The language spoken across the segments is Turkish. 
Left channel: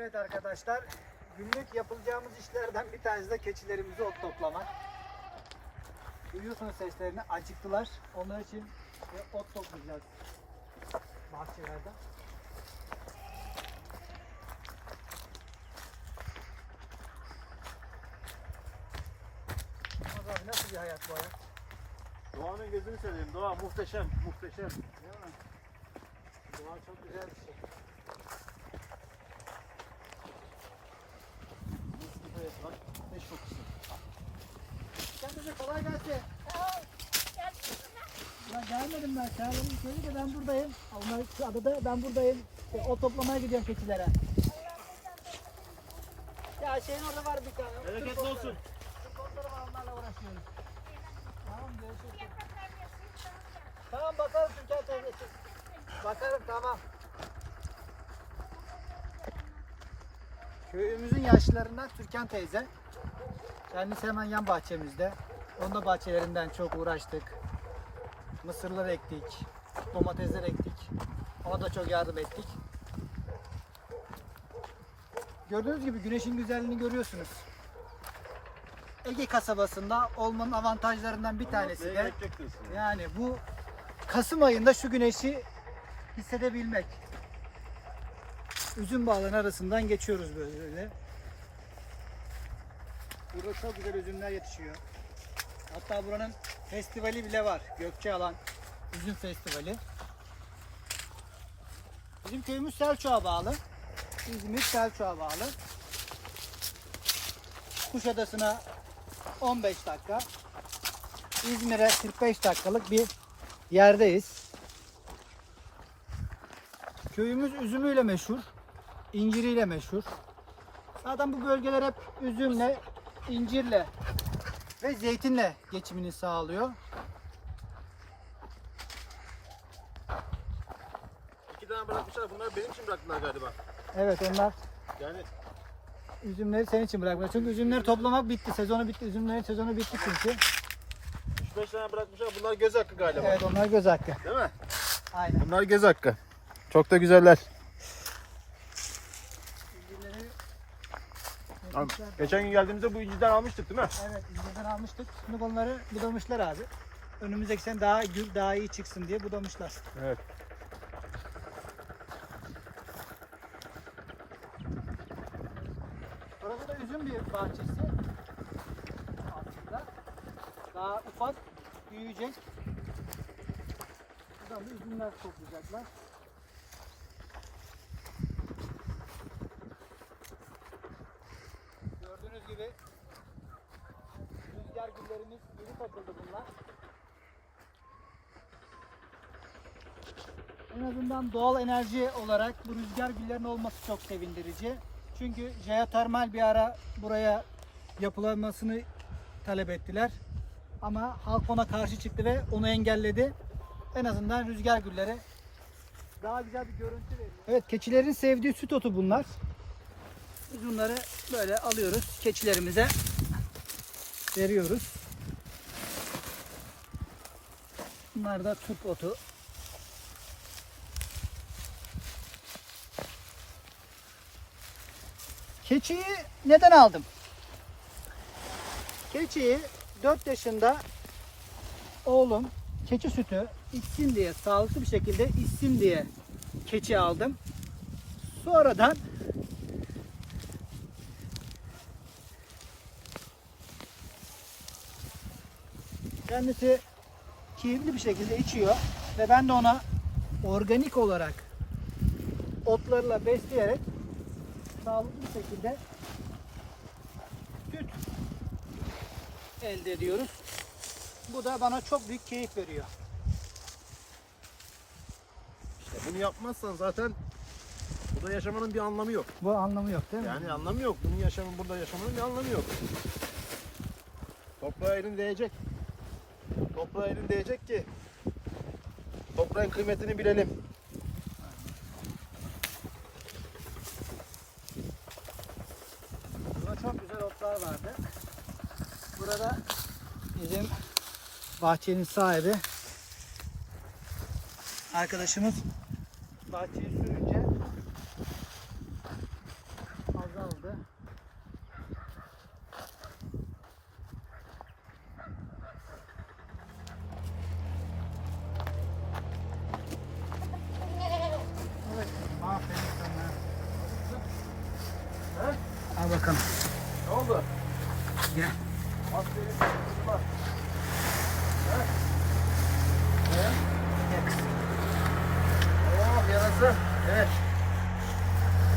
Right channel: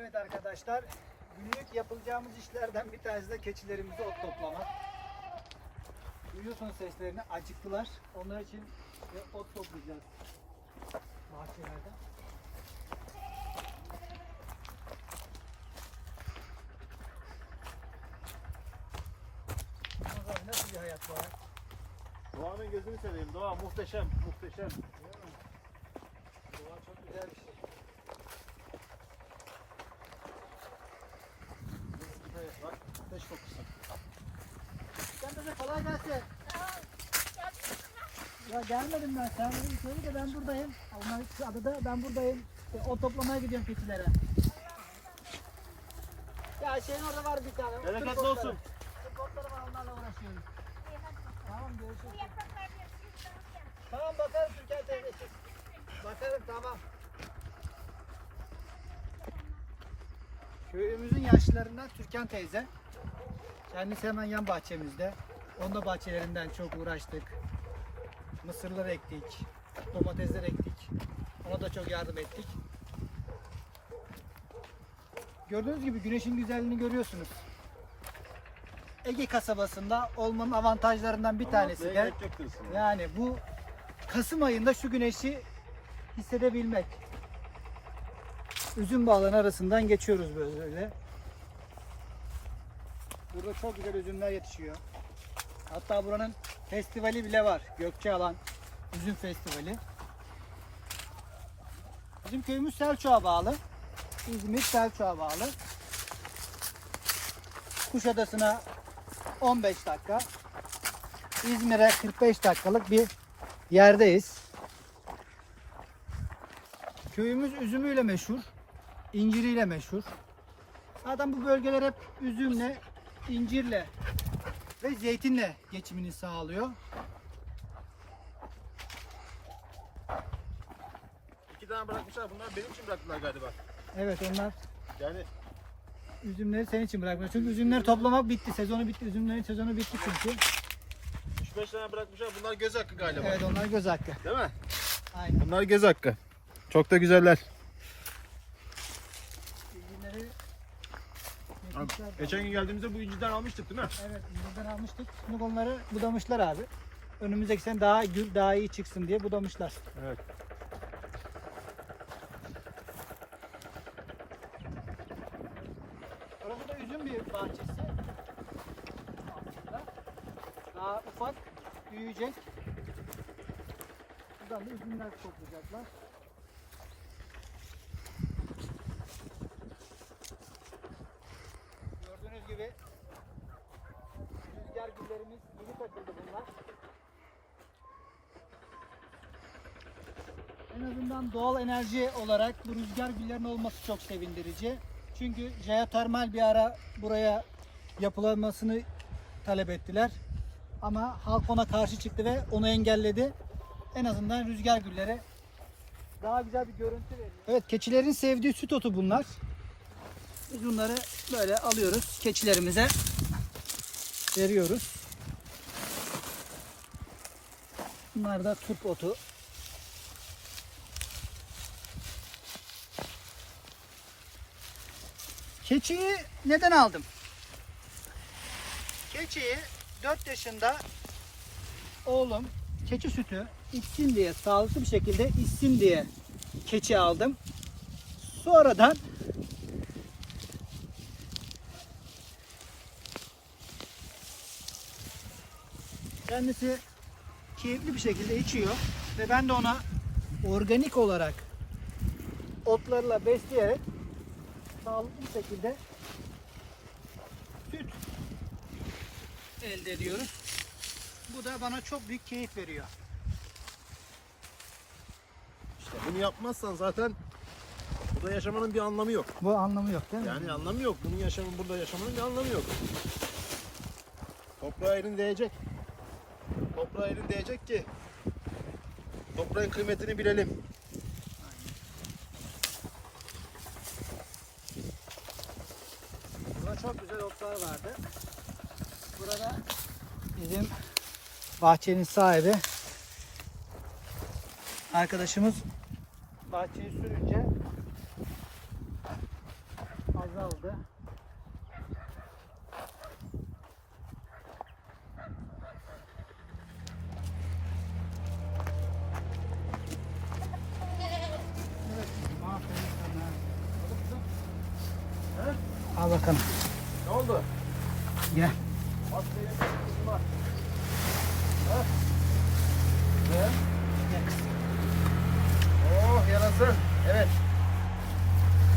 Evet arkadaşlar, günlük yapılacağımız işlerden bir tanesi de keçilerimizi ot toplamak. Duyuyorsunuz seslerini, acıktılar. Onlar için ot toplayacağız bahçelerden. Abi nasıl bir hayat bu hayat? Doğanın gözünü seveyim. Doğa muhteşem, muhteşem. Değil mi? Doğa çok güzel bir şey. Evet, bak, ateş kokusu. Sen de kolay gelsin. Ya gelmedim ben. Sen beni söyle de ben buradayım. Onlar şu adada ben buradayım. E, o toplamaya gidiyorum keçilere. Ya şeyin orada var bir tane. Bereketli olsun. Türk otları var onlarla uğraşıyoruz. Tamam görüşürüz. Tamam bakarım Türkan teyzesi. Bakarım tamam. Köyümüzün yaşlılarından Türkan teyze. Kendisi hemen yan bahçemizde. Onun da bahçelerinden çok uğraştık. Mısırlar ektik. Domatesler ektik. Ona da çok yardım ettik. Gördüğünüz gibi güneşin güzelliğini görüyorsunuz. Ege kasabasında olmanın avantajlarından bir tanesi de yani bu Kasım ayında şu güneşi hissedebilmek. Üzüm bağların arasından geçiyoruz böyle. Burada çok güzel üzümler yetişiyor. Hatta buranın festivali bile var. Gökçealan Üzüm Festivali. Bizim köyümüz Selçuk'a bağlı. İzmir Selçuk'a bağlı. Kuşadası'na 15 dakika. İzmir'e 45 dakikalık bir yerdeyiz. Köyümüz üzümüyle meşhur, inciriyle meşhur. Zaten bu bölgeler hep üzümle, incirle ve zeytinle geçimini sağlıyor. İki tane bırakmışlar. Bunlar benim için bıraktılar galiba. Evet onlar Yani üzümleri senin için bırakmış. Çünkü üzümleri toplamak bitti. Sezonu bitti. Üzümlerin sezonu bitti çünkü. 3-5 tane bırakmışlar. Bunlar göz hakkı galiba. Evet onlar göz hakkı. Değil mi? Aynen. Bunlar göz hakkı. Çok da güzeller. Üzümleri Abi, geçen gün geldiğimizde bu inciden almıştık değil mi? Evet, incirden almıştık. Şimdi onları budamışlar abi. Önümüzdeki sene daha gül daha iyi çıksın diye budamışlar. Evet. Orası da üzüm bir bahçesi. Aslında. Daha ufak, büyüyecek. Buradan da üzümler toplayacaklar. Gibi rüzgar güllerimiz yeni takıldı bunlar. En azından doğal enerji olarak bu rüzgar güllerinin olması çok sevindirici. Çünkü jeotermal bir ara buraya yapılanmasını talep ettiler. Ama halk ona karşı çıktı ve onu engelledi. En azından rüzgar gülleri daha güzel bir görüntü veriyor. Evet keçilerin sevdiği süt otu bunlar. Bunları böyle alıyoruz keçilerimize veriyoruz. Bunlar da turp otu. Keçiyi neden aldım? Keçiyi 4 yaşında oğlum keçi sütü içsin diye sağlıklı bir şekilde içsin diye keçi aldım. Sonradan kendisi keyifli bir şekilde içiyor ve ben de ona organik olarak otlarla besleyerek sağlıklı bir şekilde süt elde ediyoruz. Bu da bana çok büyük keyif veriyor. İşte bunu yapmazsan zaten burada yaşamanın bir anlamı yok. Bu anlamı yok değil mi? Yani anlamı yok. Bunun yaşamın burada yaşamanın bir anlamı yok. Toprağa elin değecek. Toprağa elin değecek ki toprağın kıymetini bilelim. Burada çok güzel otlar vardı. Burada bizim bahçenin sahibi arkadaşımız bahçeyi sürünce vardı. Evet, aferin sana. Ha? Al bakalım. Ne oldu? Yine. Oh yarasın. Evet.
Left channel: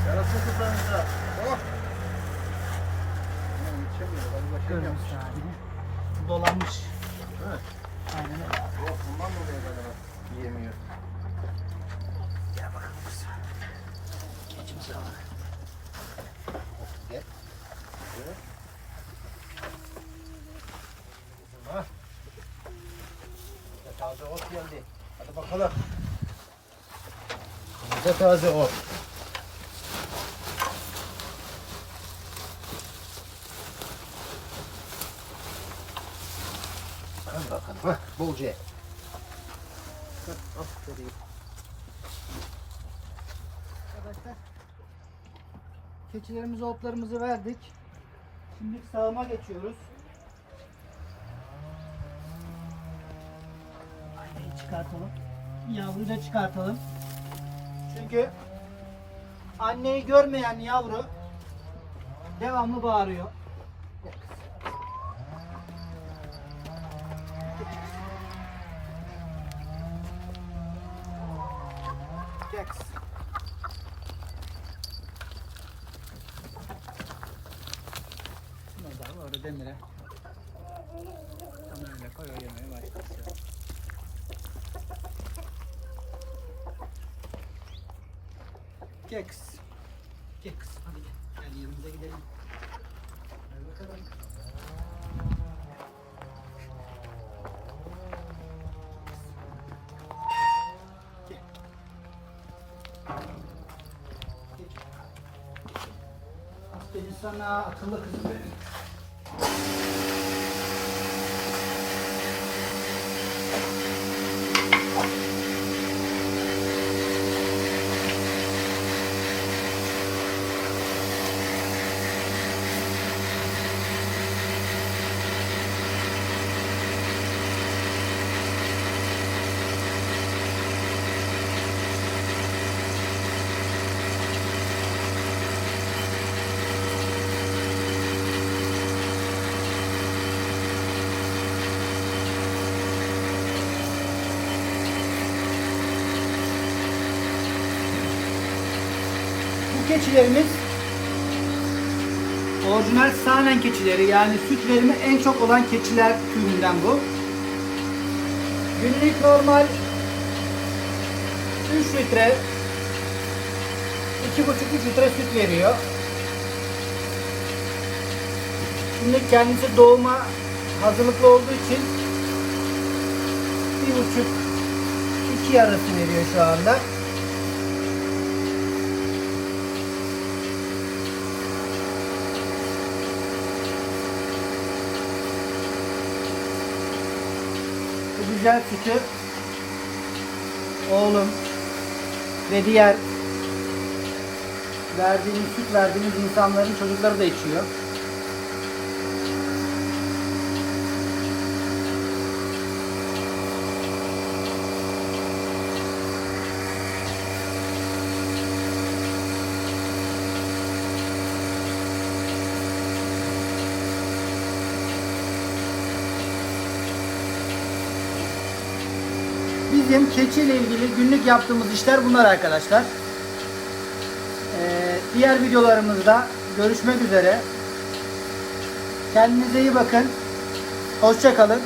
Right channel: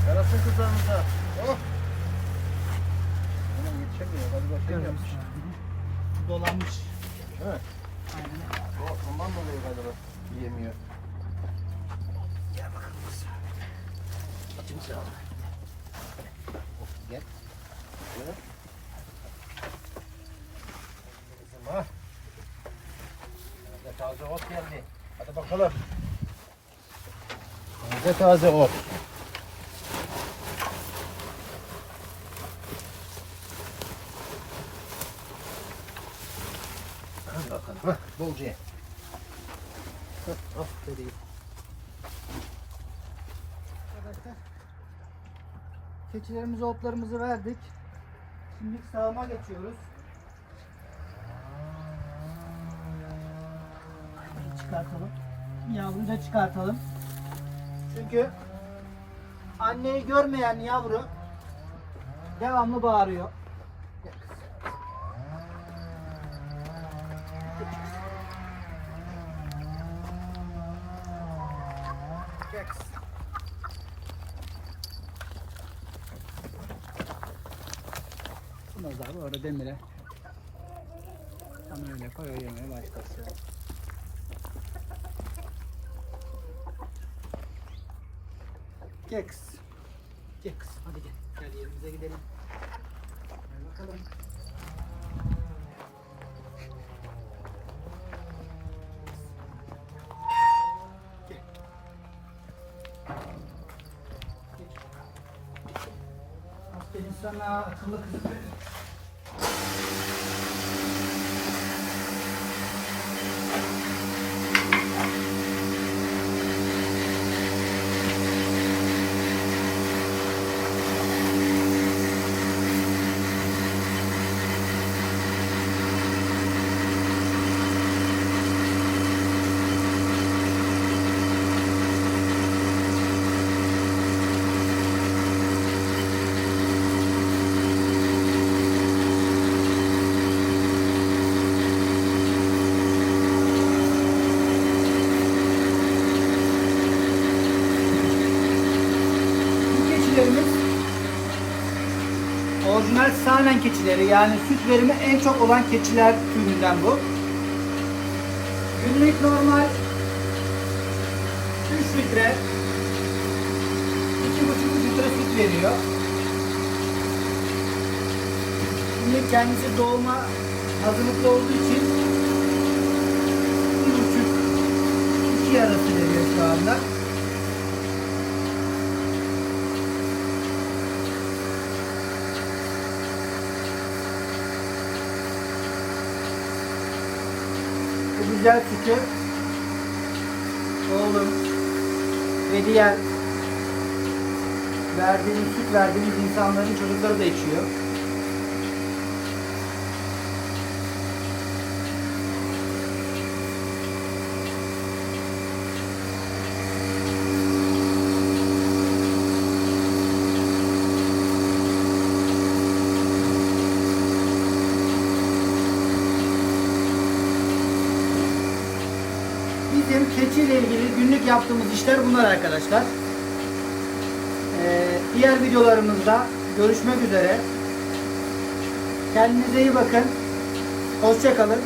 Yarasın kızlarımıza. Oh. Yetişemiyor. Hadi. Gördüğünüz halini. Dolanmış. Evet. Aynen öyle. Oh bundan mı oluyor galiba? Yiyemiyor. Gel bakalım kızım. Geç bakalım. Oh gel. Gel. Kızım ha. Burada taze ot geldi. Bakalım. Taze taze ot. Hadi bakalım. Hah, bolca dedi. Arkadaşlar keçilerimize otlarımızı verdik. Şimdi sağıma geçiyoruz. Çıkartalım. Yavruyu da çıkartalım. Çünkü anneyi görmeyen yavru devamlı bağırıyor. Biraz daha orada demire. Tam öyle koy o Gel kız. Gel kız. Hadi gel. Gel yerimize gidelim. Bakalım. Gel. Geç. Aferin sana akıllı kızım. benim. Bu keçilerimiz orijinal sahnen keçileri yani süt verimi en çok olan keçiler türünden bu. Günlük normal 3 litre 2,5 litre süt veriyor. Şimdi kendisi doğuma hazırlıklı olduğu için bir buçuk iki arası veriyor şu anda. Güzel sütü oğlum ve diğer verdiğimiz süt verdiğimiz insanların çocukları da içiyor. Bizim keçiyle ilgili günlük yaptığımız işler bunlar arkadaşlar. Ee, diğer videolarımızda görüşmek üzere. Kendinize iyi bakın. Hoşçakalın.